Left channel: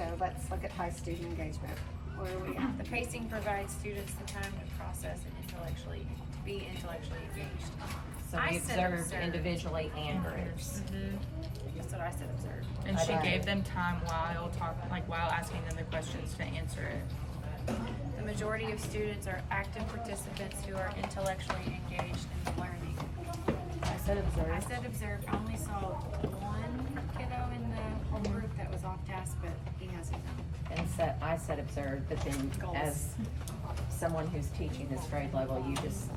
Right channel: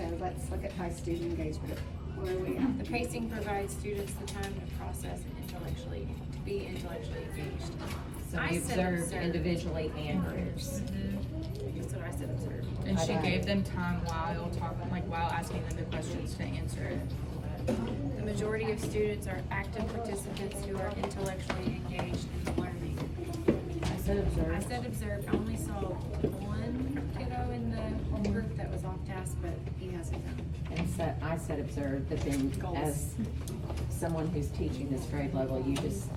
so let's look at high student engagement. Where are we at? The pacing provides students the time to process and be intellectually engaged. So I we said observed observed. individually and groups. That's what I said, observe. And she Okay. gave them time while asking them the questions to answer it. The majority of students are active participants who are intellectually engaged in the learning. I said I observe. said observe. I only saw one kiddo in the whole group that was off task, but he has his own. And so I said observe, but then Goals. as someone who's teaching this grade level, you just,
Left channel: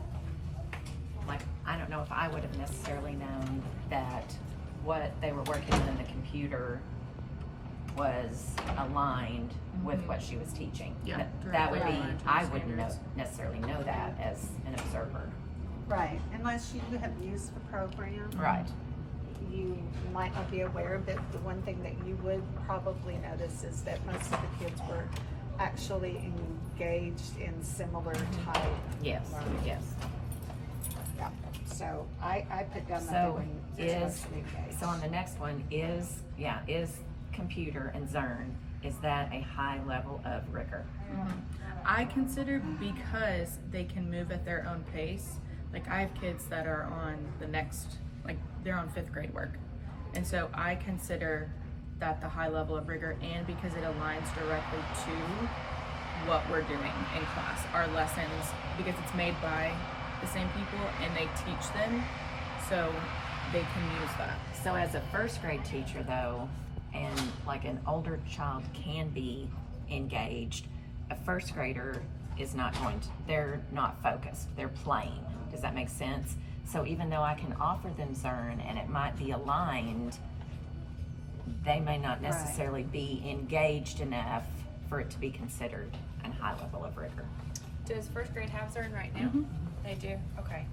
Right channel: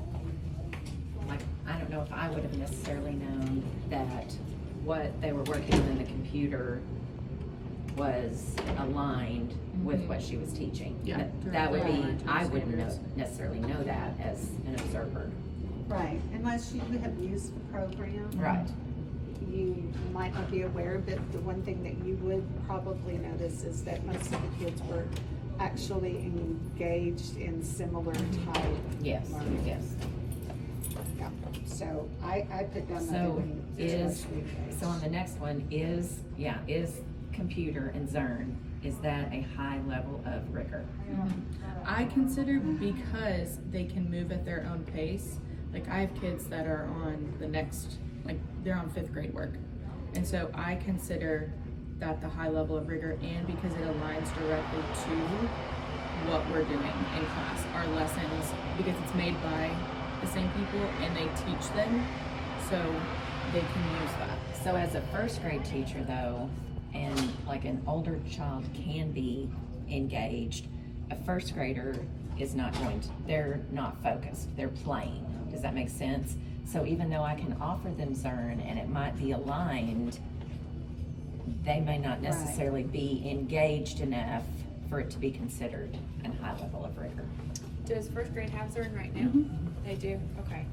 like, I don't know if I would have necessarily known that what they were working on in the computer was aligned with what she was teaching. Yeah. But that would be, Right. I wouldn't necessarily know that as an observer. Right, unless you have used the program. Right. You might not be aware of it. The one thing that you would probably notice is that most of the kids were actually engaged in similar type. Yes, learning. yes. Yeah, so I put down that they So were is, intellectually engaged. so on the next one is computer and Zern, is that a high level of rigor? I consider, because they can move at their own pace, like I have kids that are on the next, like they're on 5th grade work. And so I consider that the high level of rigor, and because it aligns directly to what we're doing in class, our lessons, because it's made by the same people and they teach them, so they can use that. So as a first grade teacher though, and like an older child can be engaged, a first grader is not going to, they're not focused, they're playing. Does that make sense? So even though I can offer them Zern and it might be aligned, they may not necessarily be engaged enough for it to be considered a high level of rigor. Does first grade have Zern right now? They do? Okay.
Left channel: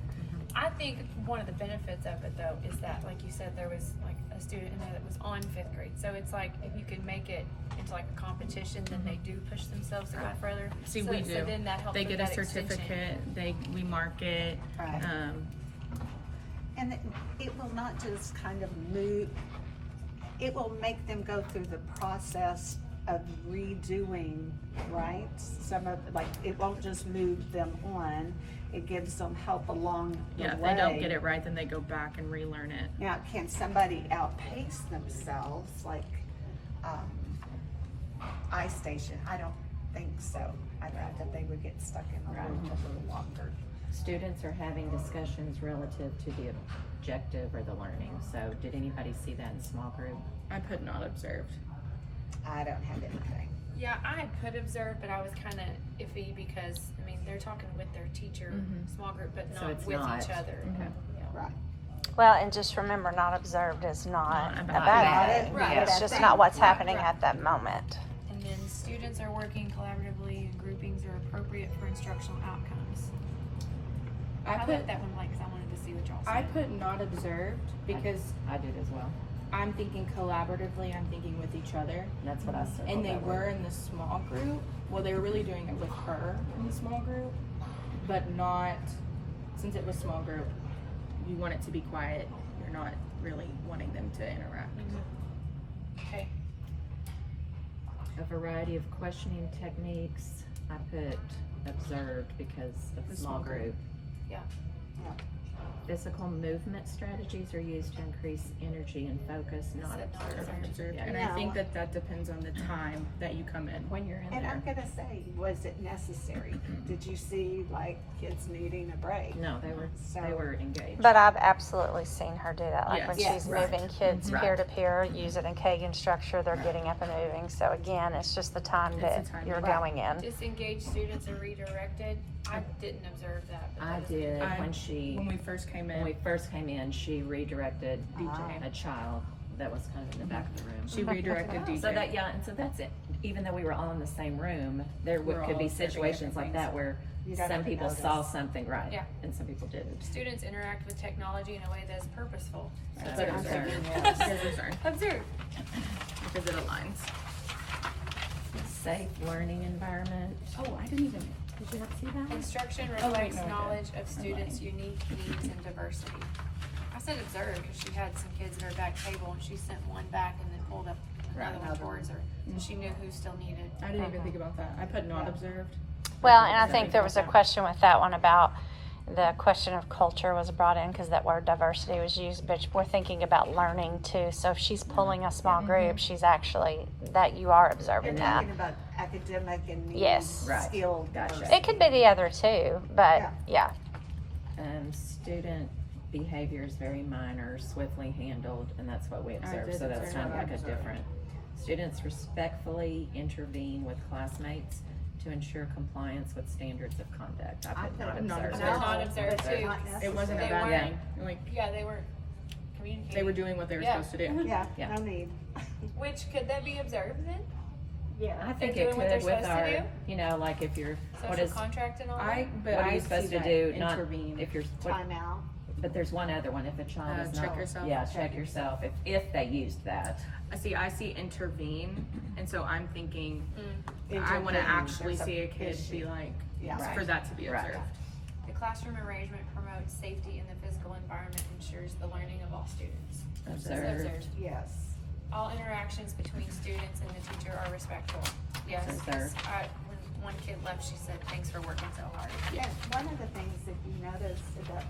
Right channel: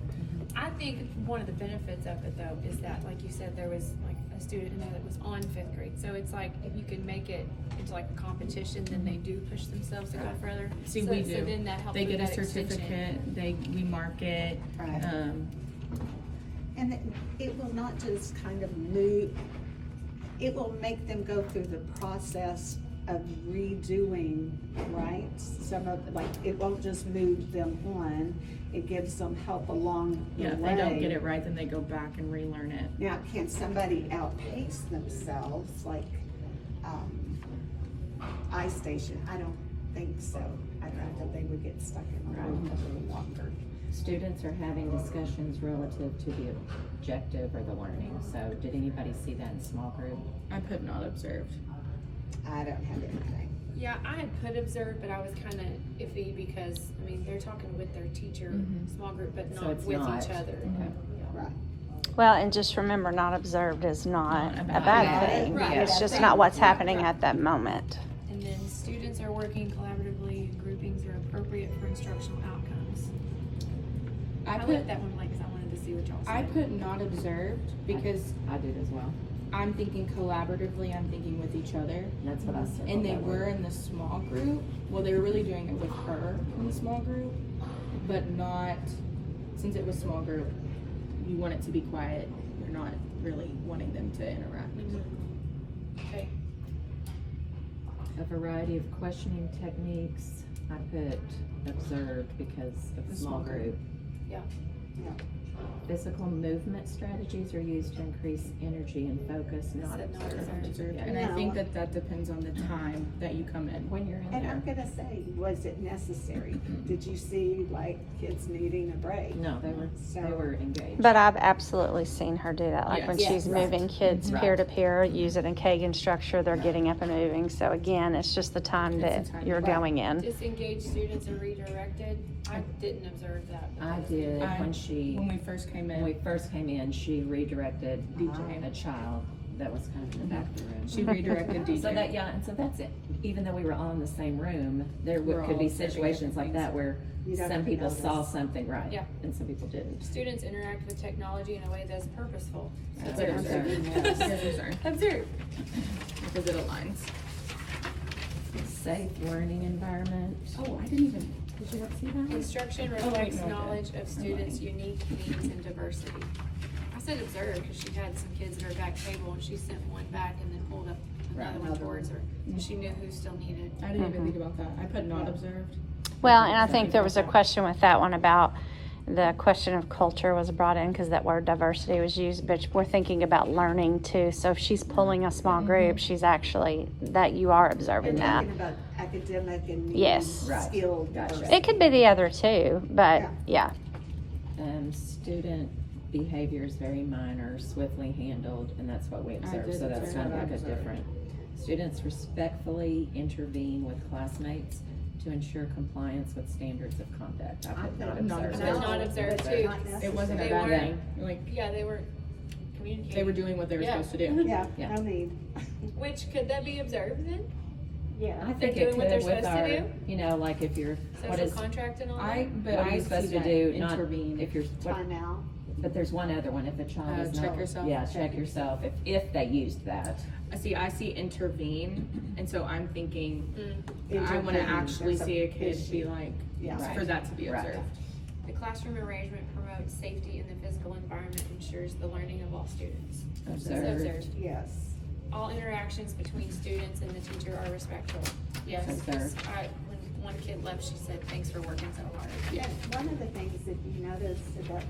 I think one of the benefits of it though is that, like you said, there was like a student in there that was on 5th grade. So it's like, if you can make it into like a competition, then they do push themselves to go further. See, so, we do. So then that helps They with get a that extension. certificate, we mark it. Right. And it will not just kind of move, it will make them go through the process of redoing, right? Some of, like, it won't just move them on, it gives them help along the Yeah, if way. they don't get it right, then they go back and relearn it. Now, can somebody outpace themselves, like, iStation? I don't think so. I'd rather they would get stuck in a room a little longer. Students are having discussions relative to the objective or the learning. So did anybody see that in small group? I put not observed. I don't have anything. Yeah, I had put observe, but I was kind of iffy because, I mean, they're talking with their teacher, small group, but So not it's with not. each other. Okay. Yeah. Right. Well, and just remember, not observed is not Not a bad Not thing. bad. Right. Yeah. It's just Right. not what's Right. happening at that moment. And then students are working collaboratively, and groupings are appropriate for instructional outcomes. I left that one blank because I wanted to see what y'all said. I put not observed because I did as well. I'm thinking collaboratively, I'm thinking with each other. That's what I said. And they were in the small group. Well, they were really doing it with her in the small group, but not, since it was small group, you want it to be quiet. You're not really wanting them to interact. Okay. A variety of questioning techniques. I put observed because of the small group. Yeah. Physical movement strategies are used to increase energy and focus, not Said not observed. Observed. Yeah. And I think that depends on the time that you come in. When you're in And I'm there. gonna say, was it necessary? Did you see like kids needing a break? No, they were engaged. But I've absolutely seen her do that. Like Yes. when Yeah, she's right. moving kids Right. peer to peer, use it in Kagan structure, they're getting up and moving. So again, it's just the time It's that the time. you're Right. going in. Disengaged students are redirected. I didn't observe that. But I that was did I- when we first came when we in, first came in, she redirected DJ. a child that was kind of in the back of the room. She redirected DJ. So that, and so that's it. Even though we were all in the same room, there We're could be all observing situations like different that where You gotta some people notice. saw something right, Yeah. and some people didn't. Students interact with technology in a way that's purposeful. So That's put what I'm observed. Here's observed, Observe. because it aligns. Safe learning environment. Oh, I didn't even, did you not see that? Instruction wait, reflects no, I did. knowledge of students' unique needs and diversity. I said observe because she had some kids at her back table and she sent one back and then pulled up another one towards her. So she knew who still needed. I didn't even think about that. I put not Yeah. observed. Well, and I Yeah. think there was a question with that one about the question of culture was brought in because that word diversity was used, but we're thinking about learning too. So if she's pulling a small group, she's actually, that you are You're observing that. talking about academic and needs, Yes. Right. skilled. Gotcha. diversity. It could be the other two, but Yeah. yeah. Student behavior is very minor, swiftly handled, and that's what we observe, did so that's observe kind of that. like a different. Students respectfully intervene with classmates to ensure compliance with standards of conduct. I put not not observed. observed. Not observed but too. not It wasn't a They bad weren't- thing. Like, Yeah, they were communicating. they were doing what they were Yeah. supposed to do. Yeah, Yeah. no need. Which, could that be observed then? Yeah. I think They're it doing what they're could with supposed to our, do? you know, like if you're, what Social is, contract and all I, that? but what are I you see supposed to that do, not, intervene. if you're, what, Time out. but there's one other one, if a child is not. check yourself. Yeah, check yourself, if they used that. I see intervene, and so I'm thinking, I Intervene. wanna actually There's see a kid issue. be like, Yeah. Right. for that to be Right. observed. The classroom arrangement promotes safety in the physical environment, ensures the learning of all students. Observed. Yes. All interactions between students and the teacher are respectful. Yes, 'cause Observed. when one kid left, she said, thanks for working so hard. And one of the things, if you notice about